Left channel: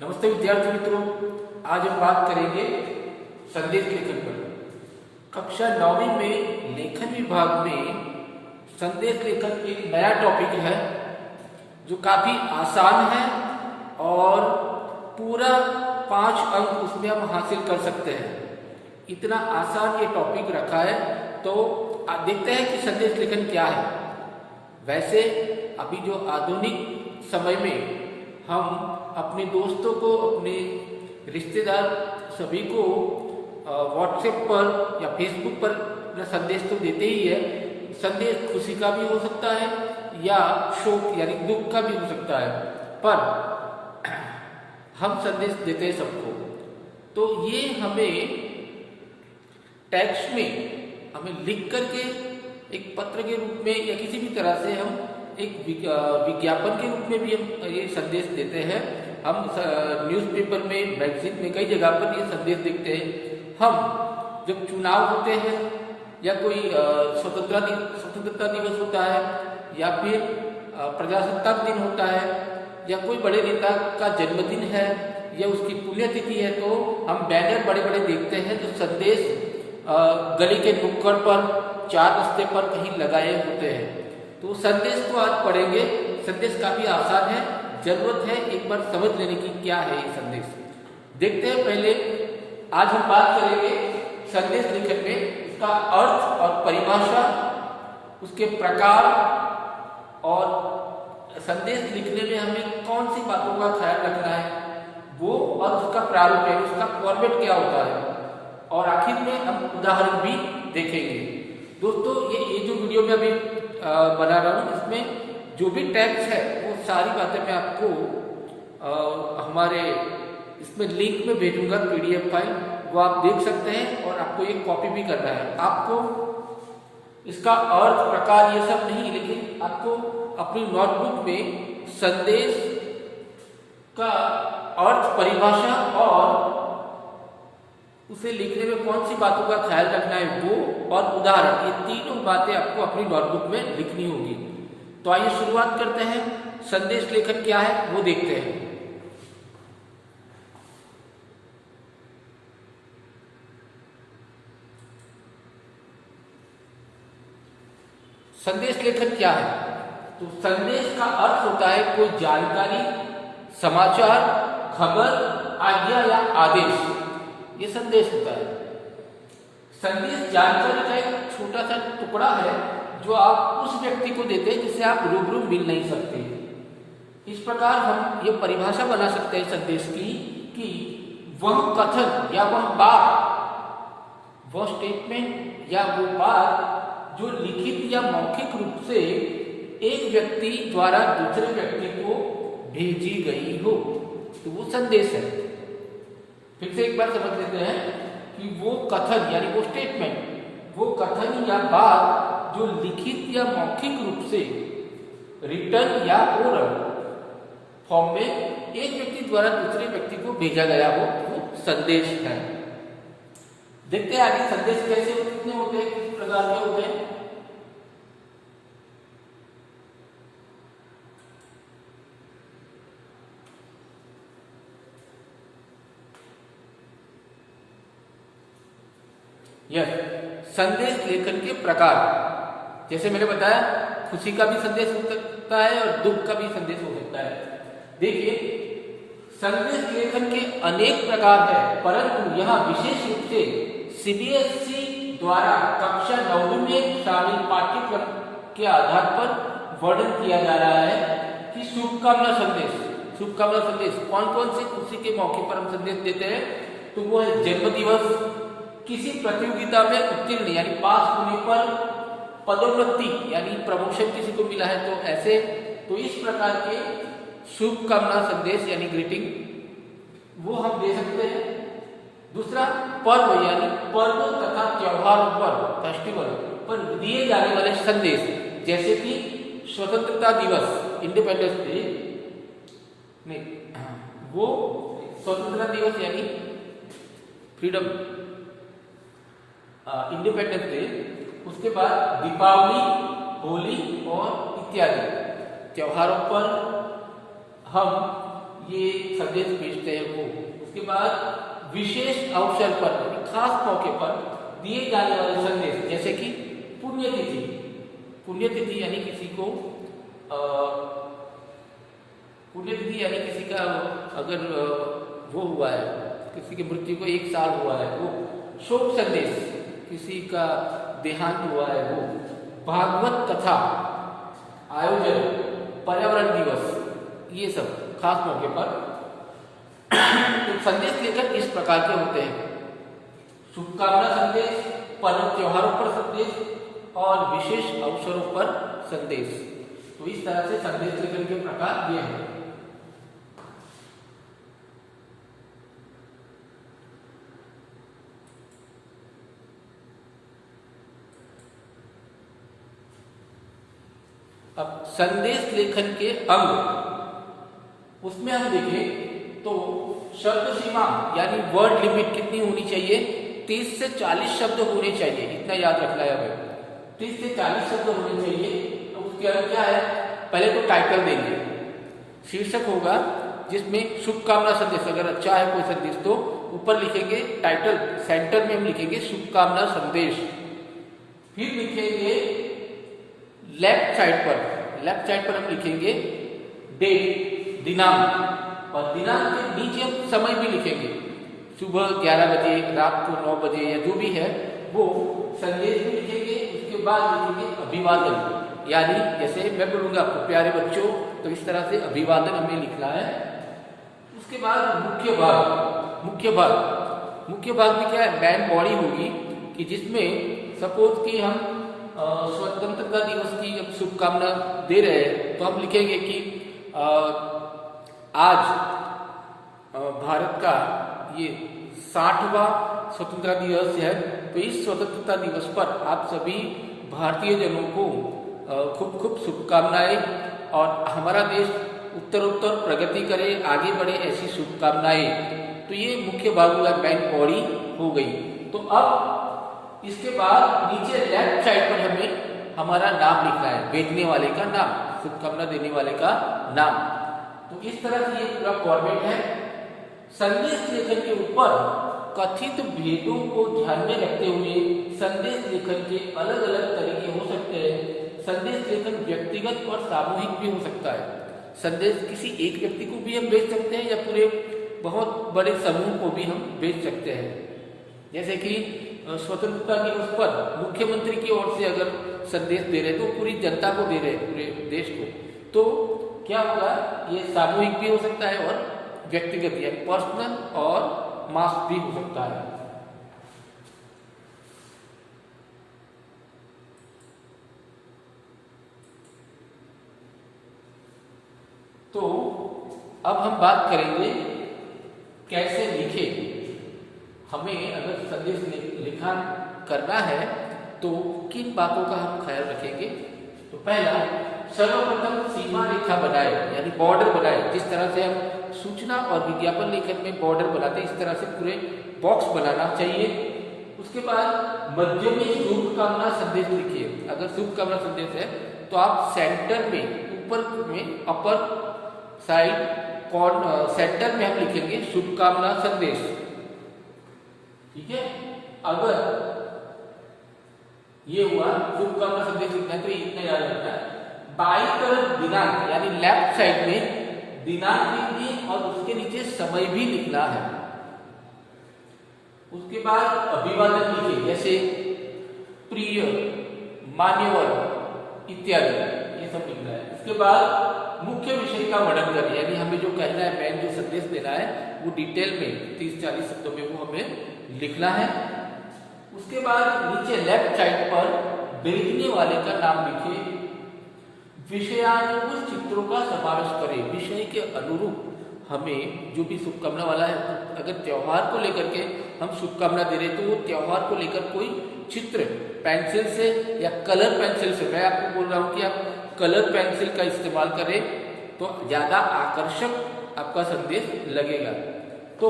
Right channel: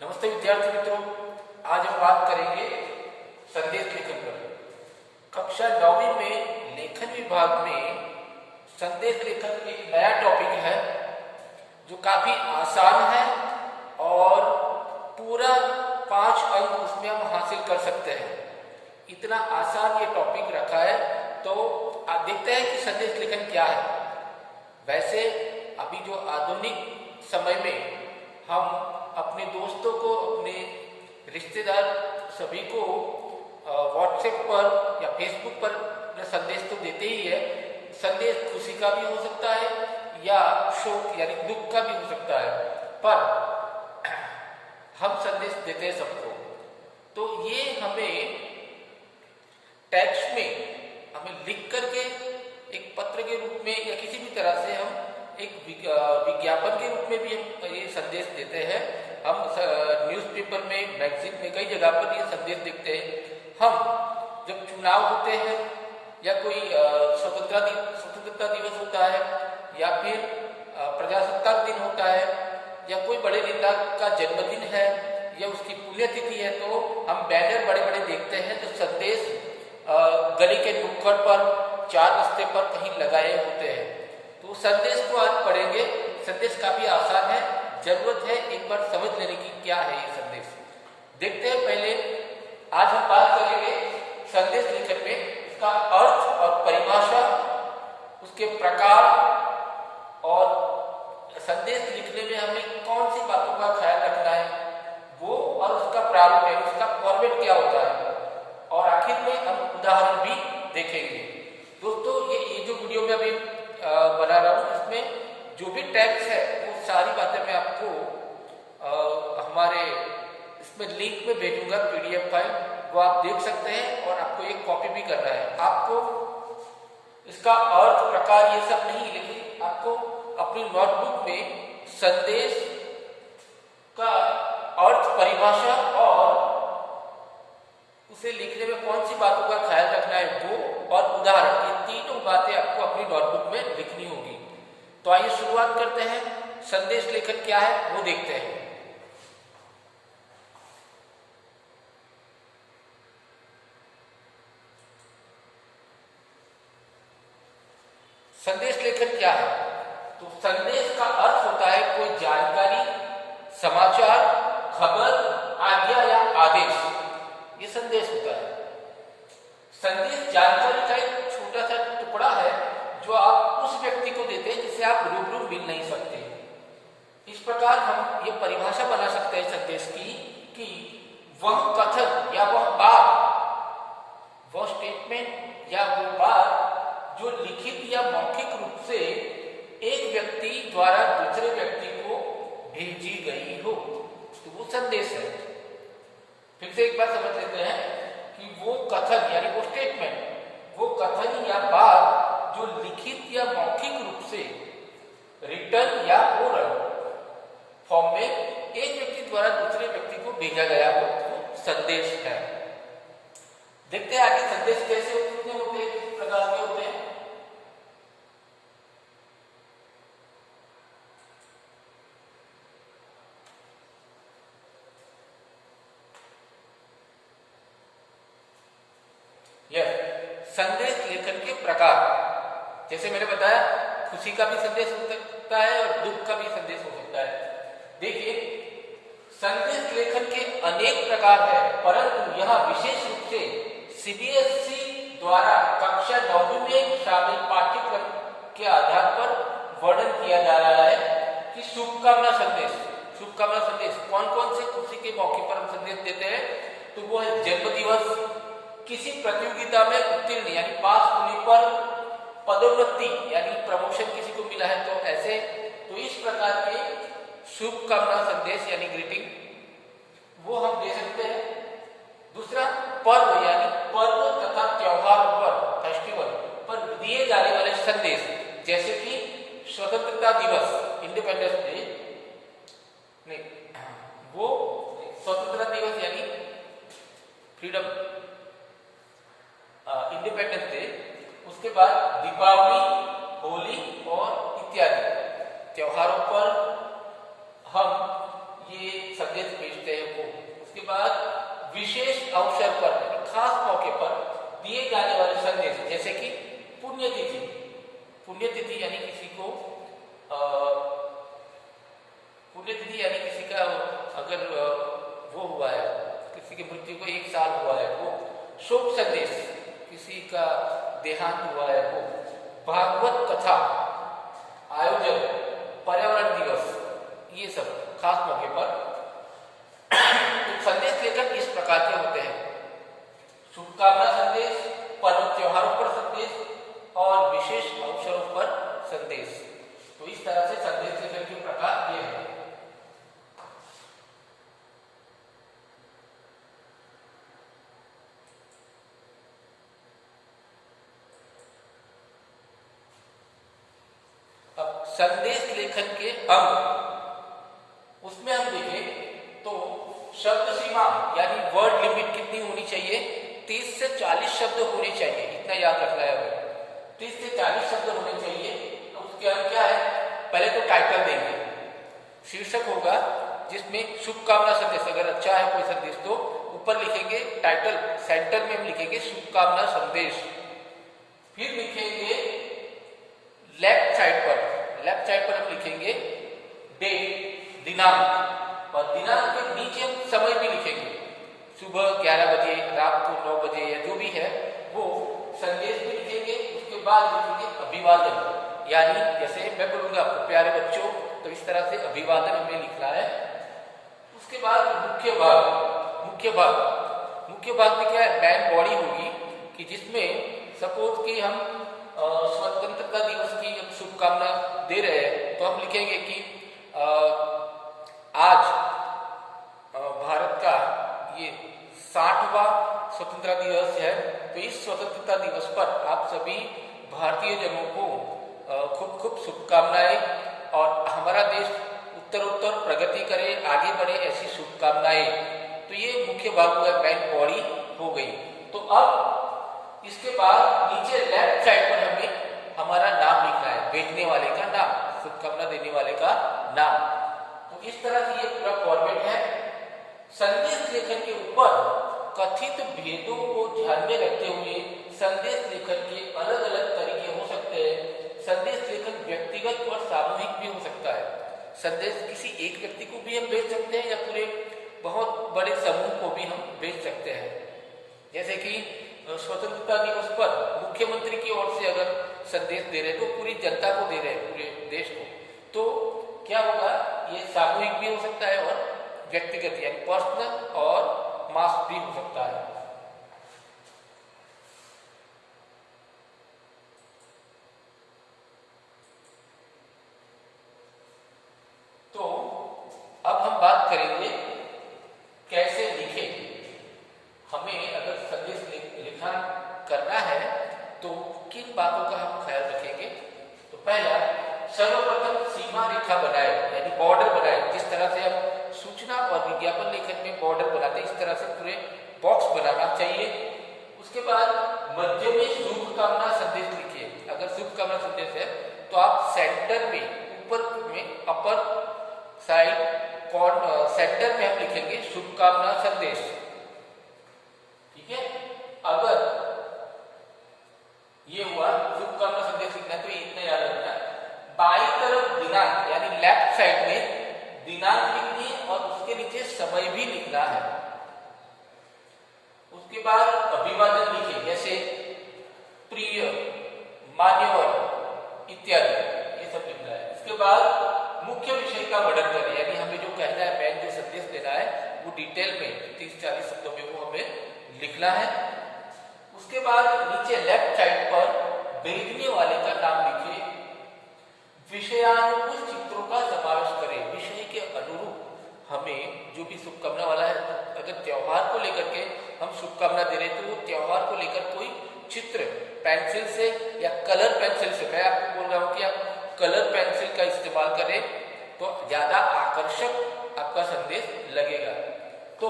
नमस्ते विद्यार्थी मित्रों, आज हम बात करेंगे संदेश लेखन पर। कक्षा 9वीं में लेखन विभाग में संदेश लेखन एक नया टॉपिक है जो काफी आसान है और पूरा 5 अंक उसमें हम हासिल कर सकते हैं। इतना आसान ये टॉपिक रखा है, तो आप देखते हैं कि संदेश लेखन क्या है। वैसे अभी जो आधुनिक समय में हम अपने दोस्तों को, अपने रिश्तेदार सभी को व्हाट्सएप पर या फेसबुक पर संदेश तो देते ही है। संदेश खुशी का भी हो सकता है या शोक यानी दुख का भी हो सकता है, पर हम संदेश देते हैं सबको। तो ये हमें टेक्स्ट में हमें लिख करके एक पत्र के रूप में या किसी भी तरह से हम एक विज्ञापन के रूप में भी हम ये संदेश देते हैं। हम न्यूज़पेपर में, मैगजीन में, कई जगह पर ये संदेश देखते हैं। हम जब चुनाव होते हैं या कोई स्वतंत्रता दिवस होता है या फिर प्रजासत्ताक दिन होता है या कोई बड़े नेता का जन्मदिन है या उसकी पुण्यतिथि है, तो हम बैनर बड़े बड़े देखते हैं जो संदेश गली के नुक्कड़ पर, 4 रास्ते पर कहीं लगाए होते हैं। तो संदेश को आज पढ़ेंगे। संदेश काफी आसान है, जरूरत है एक बार समझ लेने की क्या है ये संदेश। देखते हैं। पहले आज हम बात करेंगे संदेश लेखन में इसका अर्थ और परिभाषा, उसके प्रकार और संदेश लिखने में हमें कौन सी बातों का ख्याल रखना है वो, और उसका प्रारूप है, उसका फॉर्मेट क्या होता है, और आखिर में हम उदाहरण भी देखेंगे। दोस्तों, ये जो वीडियो में अभी बना रहा हूँ, इसमें जो भी टेक्स्ट है वो सारी बातें मैं आपको हमारे इसमें लिंक में भेजूंगा, PDF फाइल, वो आप देख सकते हैं और आपको ये कॉपी भी करना है। आपको इसका अर्थ, प्रकार ये सब नहीं, लेकिन आपको अपनी नोटबुक में संदेश का अर्थ, परिभाषा और उसे लिखने में कौन सी बातों का ख्याल रखना है वो, और उदाहरण, ये तीनों बातें आपको अपनी नोटबुक में लिखनी होगी। तो आइए शुरुआत करते हैं। संदेश लेखन क्या है वो देखते हैं। संदेश लेखन क्या है? तो संदेश का अर्थ होता है कोई जानकारी, समाचार, खबर, आज्ञा या आदेश, ये संदेश होता है। संदेश जानकारी का एक छोटा सा टुकड़ा है जो आप उस व्यक्ति को देते हैं जिसे आप रूबरू मिल नहीं सकते। इस प्रकार हम ये परिभाषा बना सकते हैं संदेश की कि वह कथन या वह बात, वह स्टेटमेंट या वो बात जो लिखित या मौखिक रूप से एक व्यक्ति द्वारा दूसरे व्यक्ति को भेजी गई हो, तो वो संदेश है। फिर से एक बार समझ लेते हैं कि वो कथन यानी वो स्टेटमेंट, वो कथन या बात जो लिखित या मौखिक रूप से, रिटन या ओरल फॉर्म में एक व्यक्ति द्वारा दूसरे व्यक्ति को भेजा गया हो, वो संदेश है। देखते हैं आगे संदेश कैसे होते हैं, किस प्रकार के होते हैं। संदेश लेखन के प्रकार, जैसे मैंने बताया, खुशी का भी संदेश हो सकता है और दुख का भी संदेश हो सकता है। देखिए, संदेश लेखन के अनेक प्रकार है, परंतु यहाँ विशेष रूप से CBSE द्वारा कक्षा 9वीं में शामिल पाठ्यक्रम के आधार पर वर्णन किया जा रहा है कि शुभकामना संदेश। शुभकामना संदेश कौन कौन से खुशी के मौके पर हम संदेश देते हैं? तो वो है जन्म दिवस, किसी प्रतियोगिता में उत्तीर्ण यानी पास होने पर, पदोन्नति यानी प्रमोशन किसी को मिला है तो ऐसे, तो इस प्रकार के शुभकामना संदेश यानी ग्रीटिंग वो हम दे सकते हैं। दूसरा पर्व यानी पर्व तथा त्योहार पर, फेस्टिवल पर दिए जाने वाले संदेश, जैसे कि स्वतंत्रता दिवस, इंडिपेंडेंस डे, नहीं वो स्वतंत्रता दिवस यानी फ्रीडम, इंडिपेंडेंस डे, उसके बाद दीपावली, होली और इत्यादि त्योहारों पर हम ये संदेश भेजते हैं वो। उसके बाद विशेष अवसर पर, खास मौके पर दिए जाने वाले संदेश, जैसे कि पुण्यतिथि। पुण्यतिथि यानी किसी को पुण्यतिथि यानी किसी का अगर वो हुआ है, किसी की मृत्यु को 1 साल हुआ है, वो शोक संदेश, किसी का देहांत हुआ है वो, भागवत कथा आयोजन, पर्यावरण दिवस, ये सब खास मौके पर तो संदेश लेकर इस प्रकार के होते हैं। शुभकामना संदेश, पर्व त्योहारों पर संदेश और विशेष अवसरों पर संदेश। तो इस तरह से संदेश लेखन के प्रकार ये हैं। अब संदेश लेखन के अंग, उसमें हम देखें तो शब्द सीमा यानी वर्ड लिमिट कितनी होनी चाहिए? 30 से 40 शब्द होने चाहिए, इतना याद रखना है हमें। 30 से 40 शब्द होने चाहिए। तो उसके अंदर क्या है? पहले तो टाइटल देंगे, शीर्षक होगा जिसमें शुभकामना संदेश, अगर अच्छा है कोई संदेश तो ऊपर लिखेंगे टाइटल, सेंटर में हम लिखेंगे शुभकामना संदेश। फिर लिखेंगे लेफ्ट साइड पर हम लिखेंगे डेट, दिनांक, और दिनांक के नीचे हम समय भी लिखेंगे, सुबह 11 बजे, रात को 9 बजे, या जो भी है वो संदेश भी लिखेंगे। उसके बाद लिखेंगे अभिवादन, यानी जैसे मैं बोलूंगा आपको प्यारे बच्चों, तो इस तरह से अभिवादन हमें लिखना है। उसके बाद मुख्य भाग में क्या है? मेन बॉडी होगी कि जिसमें सपोज कि हम स्वतंत्रता दिवस की जब शुभकामना दे रहे हैं तो हम लिखेंगे कि आज भारत का ये 60वां स्वतंत्रता दिवस है, तो इस स्वतंत्रता दिवस पर आप सभी भारतीय जनों को खूब खूब शुभकामनाएं, और हमारा देश उत्तरोत्तर प्रगति करे, आगे बढ़े, ऐसी शुभकामनाएं। तो ये मुख्य भाग हुआ, मेन बॉडी हो गई। तो अब इसके बाद नीचे लेफ्ट साइड पर हमें हमारा नाम लिखना है, भेजने वाले का नाम, शुभकामना देने वाले का नाम। तो इस तरह से ये पूरा फॉर्मेट है। संदेश लेखन के ऊपर कथित भेदों को ध्यान में रखते हुए संदेश लेखन के अलग अलग तरीके हो सकते हैं। संदेश लेखन व्यक्तिगत और सामूहिक भी हो सकता है। संदेश किसी एक व्यक्ति को भी हम भेज सकते हैं, या पूरे बहुत बड़े समूह को भी हम भेज सकते हैं। जैसे कि स्वतंत्रता दिवस पर मुख्यमंत्री की ओर से अगर संदेश दे रहे हैं तो पूरी जनता को दे रहे हैं, पूरे देश को, तो क्या होगा? ये सामूहिक भी हो सकता है और व्यक्तिगत यानी पर्सनल और मास भी हो सकता है। तो अब हम बात करेंगे कैसे लिखे। हमें अगर संदेश लिखा करना है तो किन बातों का हम ख्याल रखेंगे? तो पहला, सर्वप्रथम सीमा रेखा बनाए, यानी बॉर्डर बनाए। जिस तरह से हम सूचना और विज्ञापन लेखन में बॉर्डर बनाते हैं, इस तरह से पूरे बॉक्स बनाना चाहिए। उसके बाद मध्य में शुभकामना संदेश लिखिए। अगर शुभकामना संदेश है तो आप सेंटर में, ऊपर में, अपर साइड सेंटर में हम लिखेंगे शुभकामना संदेश, ठीक है। अगर ये हुआ शुभकामना संदेश लिखना है तो ये इतना याद रखना है। बाई तरफ दिनांक, यानी लेफ्ट साइड में दिनांक लिखनी है और उसके नीचे समय भी लिखना है। उसके बाद अभिवादन लिखिए, जैसे प्रिय, मान्यवर इत्यादि, ये सब लिखना है। उसके बाद मुख्य विषय का वर्णन करें, यानी हमें जो कहना है, मेन जो संदेश देना है वो डिटेल में 30-40 शब्दों में वो हमें लिखना है। उसके बाद नीचे लेफ्ट साइड पर भेजने वाले का नाम लिखे। विषयानुकूल चित्रों का समावेश करें, विषय के अनुरूप हमें जो भी शुभकामना वाला है, अगर त्योहार को लेकर के हम शुभकामना दे रहे तो वो त्योहार को लेकर कोई चित्र पेंसिल से या कलर पेंसिल से, मैं आपको बोल रहा हूँ कि आप कलर पेंसिल का इस्तेमाल करें तो ज्यादा आकर्षक आपका संदेश लगेगा। तो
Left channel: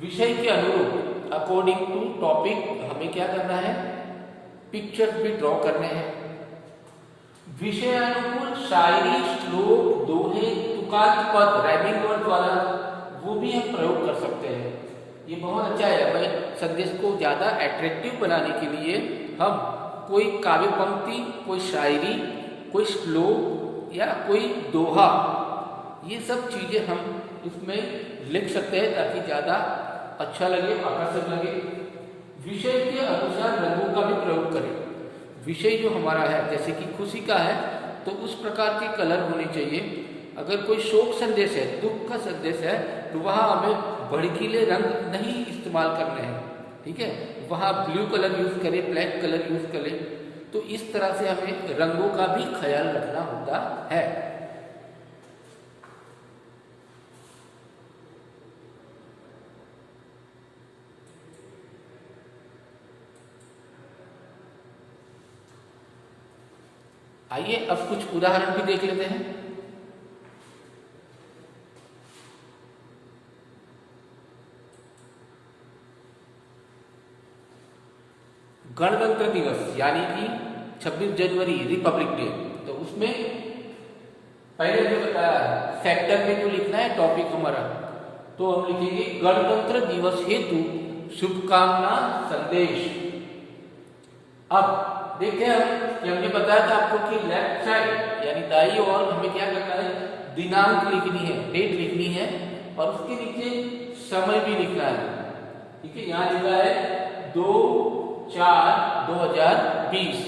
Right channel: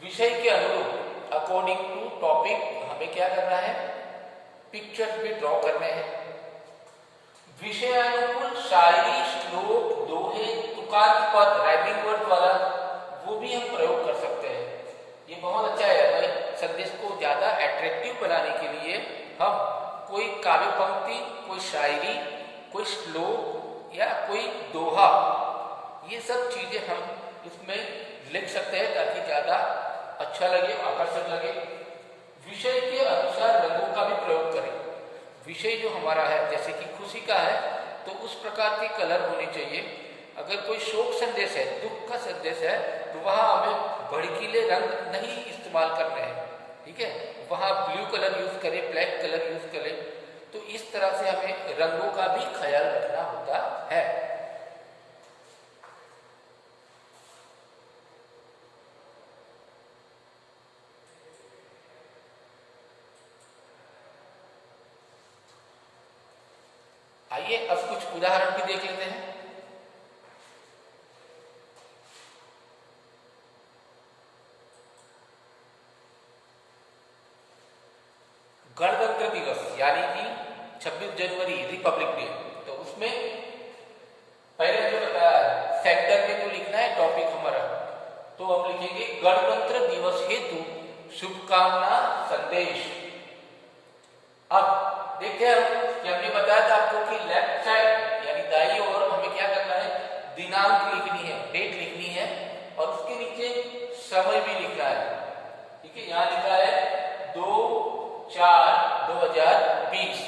विषय के अनुरूप, अकॉर्डिंग टू टॉपिक, हमें क्या करना है? पिक्चर्स भी ड्रॉ करने हैं। विषयानुकूल शायरी, श्लोक, दोहे, तुकांत पद, राइमिंग वर्ड वाला वो भी हम प्रयोग कर सकते हैं। ये बहुत अच्छा है भाई। संदेश को ज्यादा अट्रैक्टिव बनाने के लिए हम कोई काव्य पंक्ति, कोई शायरी, कोई श्लोक या कोई दोहा, ये सब चीजें हम इसमें लिख सकते हैं ताकि ज्यादा अच्छा लगे, आकर्षक लगे। विषय के अनुसार रंगों का भी प्रयोग करें। विषय जो हमारा है, जैसे कि खुशी का है तो उस प्रकार के कलर होने चाहिए। अगर कोई शोक संदेश है, दुख का संदेश है, तो वहां हमें भड़कीले रंग नहीं इस्तेमाल करने हैं, ठीक है। वहां ब्लू कलर यूज करें, ब्लैक कलर यूज करें। तो इस तरह से हमें रंगों का भी ख्याल रखना होता है। आइए अब कुछ उदाहरण भी देख लेते हैं। गणतंत्र दिवस यानी कि 26 जनवरी रिपब्लिक डे, तो उसमें पहले जो बताया सेक्टर में जो लिखना है टॉपिक हमारा, तो हम लिखेंगे गणतंत्र दिवस हेतु शुभकामना संदेश। अब देखते हैं कि हमने बताया था आपको कि लेफ्ट साइड यानी दाईं ओर हमें क्या करना है, दिनांक लिखनी है, डेट लिखनी है और उसके नीचे समय भी लिखना है, ठीक है। यहाँ लिखा है 2/4/2020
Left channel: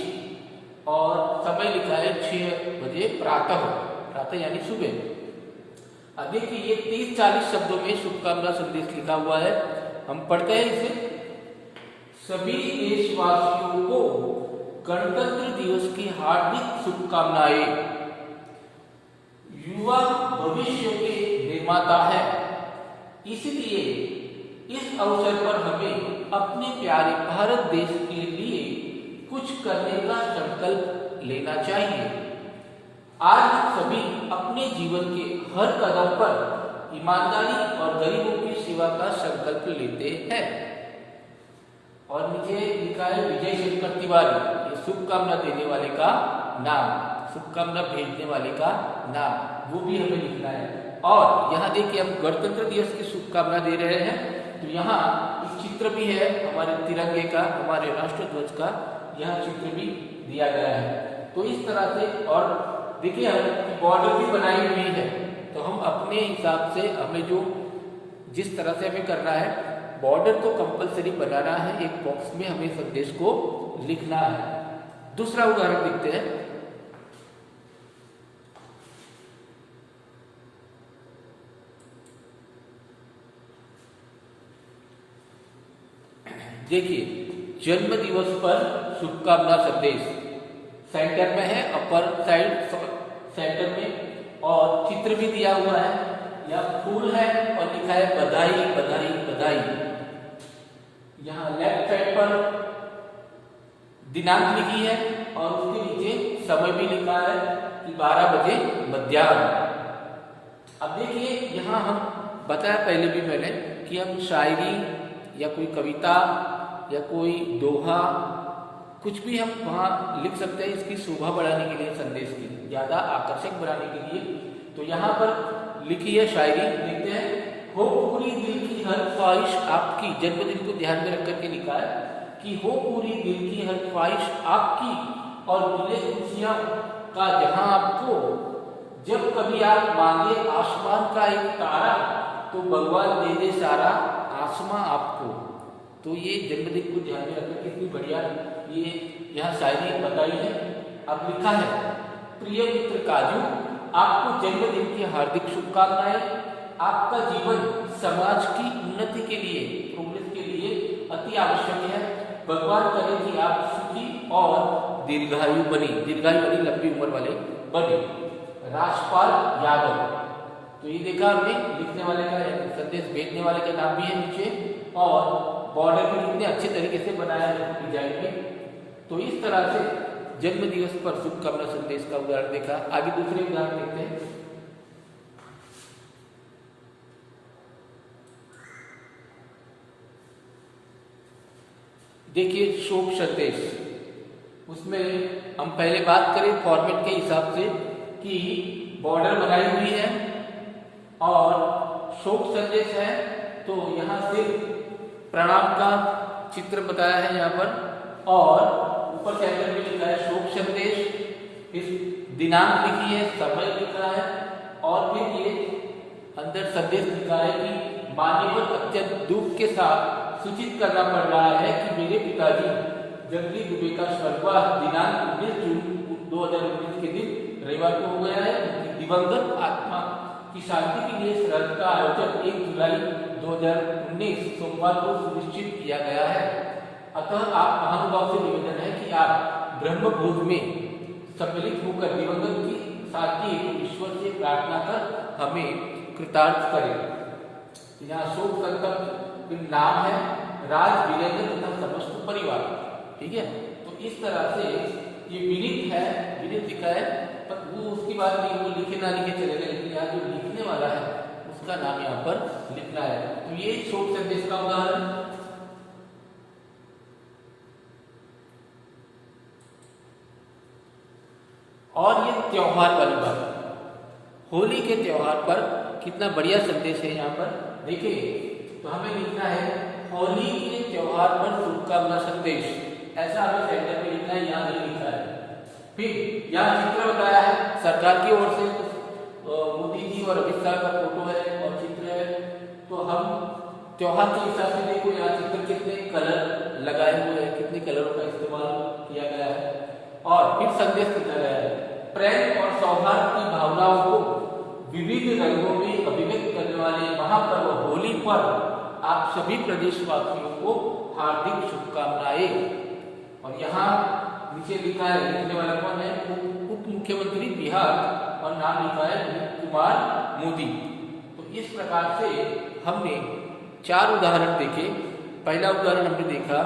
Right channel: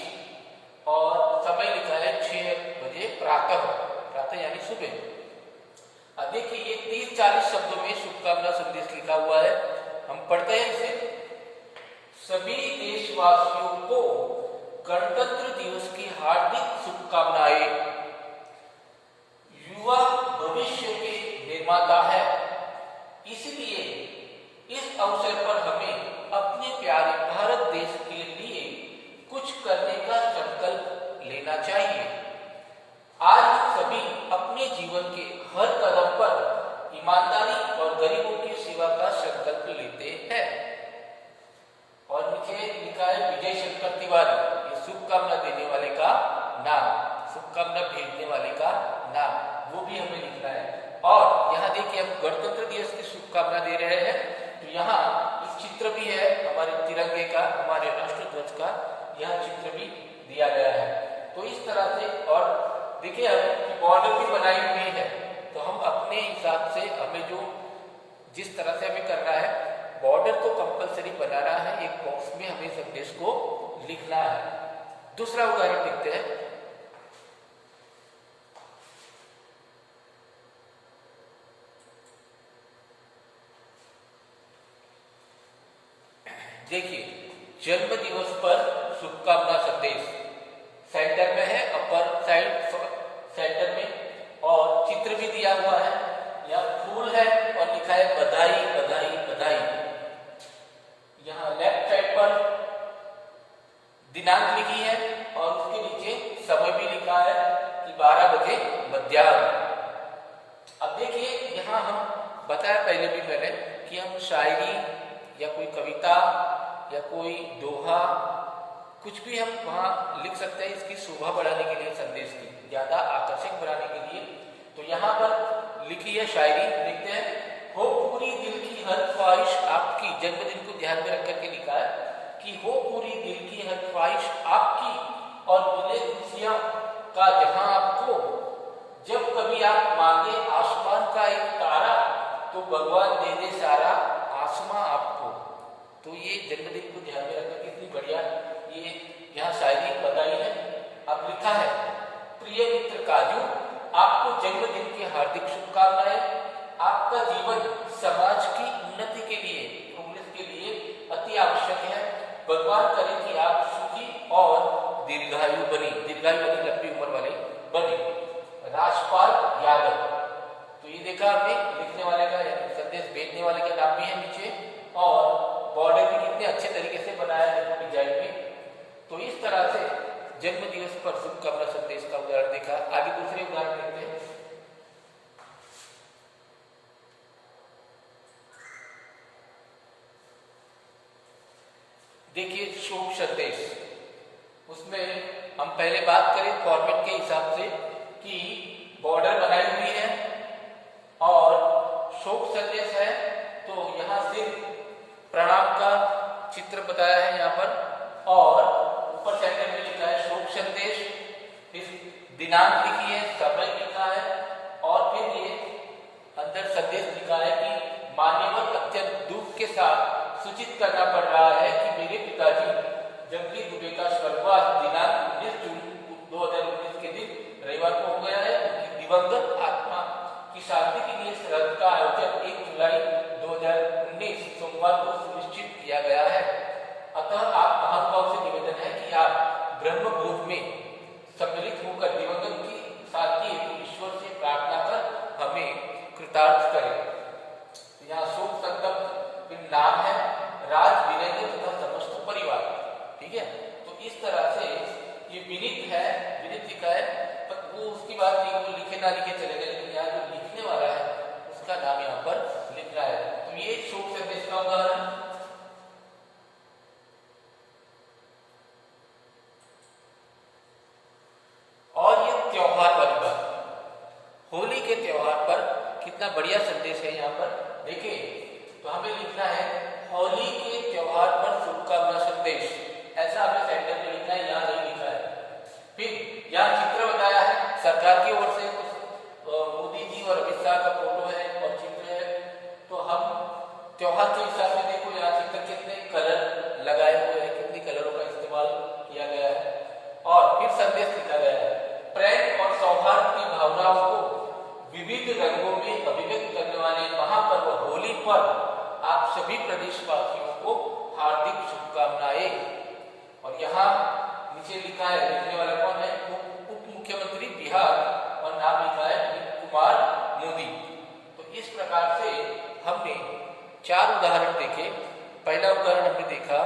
और समय लिखा है 6 बजे प्रातः, प्रातः यानी सुबह। अब देखिए ये 30-40 शब्दों में शुभकामना संदेश लिखा हुआ है। हम पढ़ते हैं इसे। सभी देशवासियों को गणतंत्र दिवस की हार्दिक शुभकामनाएं। युवा भविष्य के निर्माता है, इसलिए इस अवसर पर हमें अपने प्यारे भारत देश के लिए कुछ करने का संकल्प लेना चाहिए। आज हम सभी अपने जीवन के हर कदम पर ईमानदारी और गरीबों की सेवा का संकल्प लेते हैं। और नीचे लिखा है विजय शंकर तिवारी, ये शुभकामना देने वाले का नाम, शुभकामना भेजने वाले का नाम, वो भी हमें लिखना है। और यहाँ देखिए हम गणतंत्र दिवस की शुभकामना दे रहे हैं, तो यहाँ एक चित्र भी है हमारे तिरंगे का, हमारे राष्ट्र ध्वज का, यहाँ चित्र भी दिया गया है। तो इस तरह से, और देखिए हम बॉर्डर भी बनाई हुई है, तो हम अपने हिसाब से हमें जो जिस तरह से हमें करना है, बॉर्डर तो कंपलसरी बनाना है, एक बॉक्स में हमें संदेश को लिखना है। दूसरा उदाहरण देखते हैं। देखिए जन्म दिवस पर शुभकामना संदेश सेंटर में है, अपर साइड सेंटर में, और चित्र भी दिया हुआ है, या फूल है और लिखा है बधाई बधाई बधाई। यहाँ लेफ्ट साइड पर दिनांक लिखी है और उसके नीचे समय भी लिखा है कि 12 बजे मध्याह्न। अब देखिए यहाँ हम बताया पहले भी मैंने कि हम शायरी या कोई कविता या कोई दोहा कुछ भी हम वहाँ लिख सकते हैं, इसकी शोभा बढ़ाने के लिए, संदेश की ज्यादा आकर्षक बनाने के लिए। तो यहाँ पर लिखी है शायरी, देखते हैं। हो पूरी दिल की हर ख्वाहिश आपकी, जन्मदिन को ध्यान में रख करके लिखा है कि हो पूरी दिल की हर ख्वाहिश आपकी और मिले खुशियां का जहां आपको। जब कभी आप मांगे आसमान का एक तारा, तो भगवान दे दे सारा आसमां आपको। तो ये जन्मदिन को ध्यान में रखकर कितनी बढ़िया ये यहाँ शायरी बताई है। अब लिखा है प्रिय मित्र काजू, आपको जन्मदिन की हार्दिक शुभकामनाएं। आपका जीवन समाज की उन्नति के लिए, प्रोग्रेस के लिए अति आवश्यक है। भगवान करे कि आप सुखी और दीर्घायु बने, दीर्घायु यानी लंबी उम्र वाले बने। राजपाल यादव, तो ये देखा हमने लिखने वाले का, संदेश भेजने वाले का नाम भी है नीचे, और बॉर्डर भी कितने अच्छे तरीके से बनाया है डिजाइन में। तो इस तरह से जन्म दिवस पर शुभकामना संदेश का उदाहरण देखा। आगे दूसरे उदाहरण देखते हैं। देखिए शोक संदेश, उसमें हम पहले बात करें फॉर्मेट के हिसाब से कि बॉर्डर बनाई हुई है और शोक संदेश है, तो यहाँ सिर्फ प्रणाम का चित्र बताया है यहाँ पर, और ऊपर सेंटर में लिखा है शोक संदेश, फिर दिनांक लिखी है, समय लिखा है, और फिर ये अंदर संदेश लिखा है कि मान्यवर अत्यंत दुख के साथ सूचित करना पड़ रहा है कि मेरे पिताजी जंगली दुबे का स्वर्गवास दिनांक 19 जून 2019 के दिन रविवार को हो गया है। उनकी दिवंगत आत्मा की शांति के लिए श्राद्ध का आयोजन 1 जुलाई 2019 सोमवार को सुनिश्चित किया गया है। अतः आप महानुभाव से निवेदन है कि आप ब्रह्मभोज में सम्मिलित होकर दिवंगत की शांति हेतु ईश्वर से प्रार्थना कर हमें कृतार्थ करें। यहाँ शोक संतप्त नाम है राज वीरेंद्र तथा समस्त परिवार। ठीक है, तो इस तरह से ये विनीत है, विनीत लिखा है, पर वो उसकी बात नहीं, वो लिखे ना लिखे चलेगा, लेकिन यहाँ जो लिखने वाला है उसका नाम यहाँ पर लिखना है। तो ये शोक संदेश का उदाहरण। और ये त्योहार वाली बात, होली के त्योहार पर कितना बढ़िया संदेश है यहाँ पर देखिए। तो हमें लिखना है होली के त्योहार पर शुभकामना संदेश, ऐसा हमें सेंटर में लिखना है, यहाँ नहीं लिखा है। फिर यहाँ चित्र बताया है सरकार की ओर से, मोदी जी और अमित शाह का फोटो है और चित्र है। तो हम त्योहार के हिसाब से देखो यहाँ चित्र कितने कलर लगाए हुए हैं, कितने कलरों का इस्तेमाल किया गया है, और फिर संदेश लिखा गया है प्रेम और सौहार्द की भावनाओं को विविध रंगों में अभिव्यक्त करने वाले महापर्व होली पर आप सभी प्रदेशवासियों को हार्दिक शुभकामनाएं। और यहाँ नीचे लिखा है, लिखने वाला कौन है, उप मुख्यमंत्री बिहार, और नाम लिखा है अमित कुमार मोदी। तो इस प्रकार से हमने 4 उदाहरण देखे। पहला उदाहरण हमने देखा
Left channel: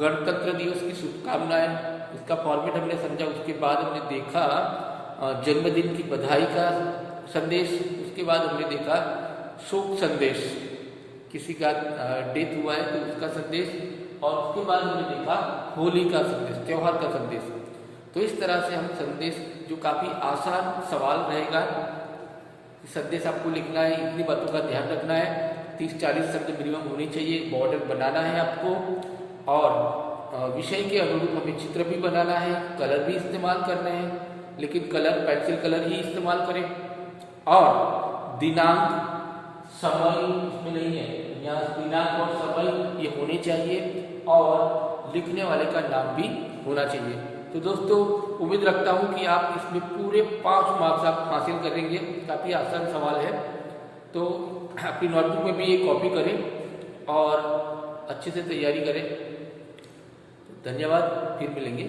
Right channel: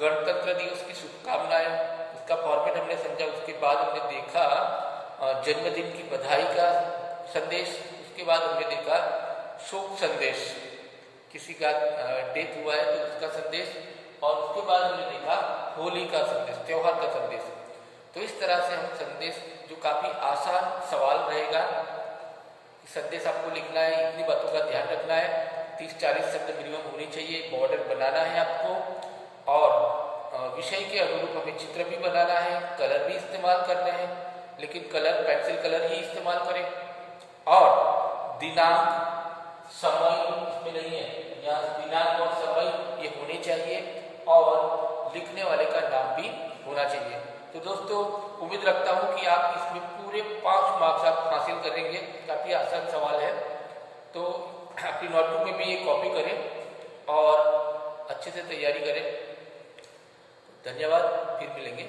गणतंत्र दिवस की शुभकामनाएं, इसका फॉर्मेट हमने समझा। उसके बाद हमने देखा जन्मदिन की बधाई का संदेश, उसके बाद हमने देखा शोक संदेश, किसी का डेथ हुआ है तो उसका संदेश, और उसके बाद हमने देखा होली का संदेश, त्योहार का संदेश। तो इस तरह से हम संदेश, जो काफ़ी आसान सवाल रहेगा, संदेश आपको लिखना है, इतनी बातों का ध्यान रखना है, 30-40 शब्द मिनिमम होने चाहिए, बॉर्डर बनाना है आपको, और विषय के अनुरूप हमें चित्र भी बनाना है, कलर भी इस्तेमाल करने हैं, लेकिन कलर पेंसिल कलर ही इस्तेमाल करें, और दिनांक समय इसमें नहीं है, यहाँ दिनांक और समय ये होने चाहिए, और लिखने वाले का नाम भी होना चाहिए। तो दोस्तों उम्मीद रखता हूँ कि आप इसमें पूरे 5 मार्क्स आप हासिल करेंगे। काफ़ी आसान सवाल है, तो अपनी नोटबुक में भी ये कॉपी करें और अच्छे से तैयारी करें। तो धन्यवाद, फिर मिलेंगे।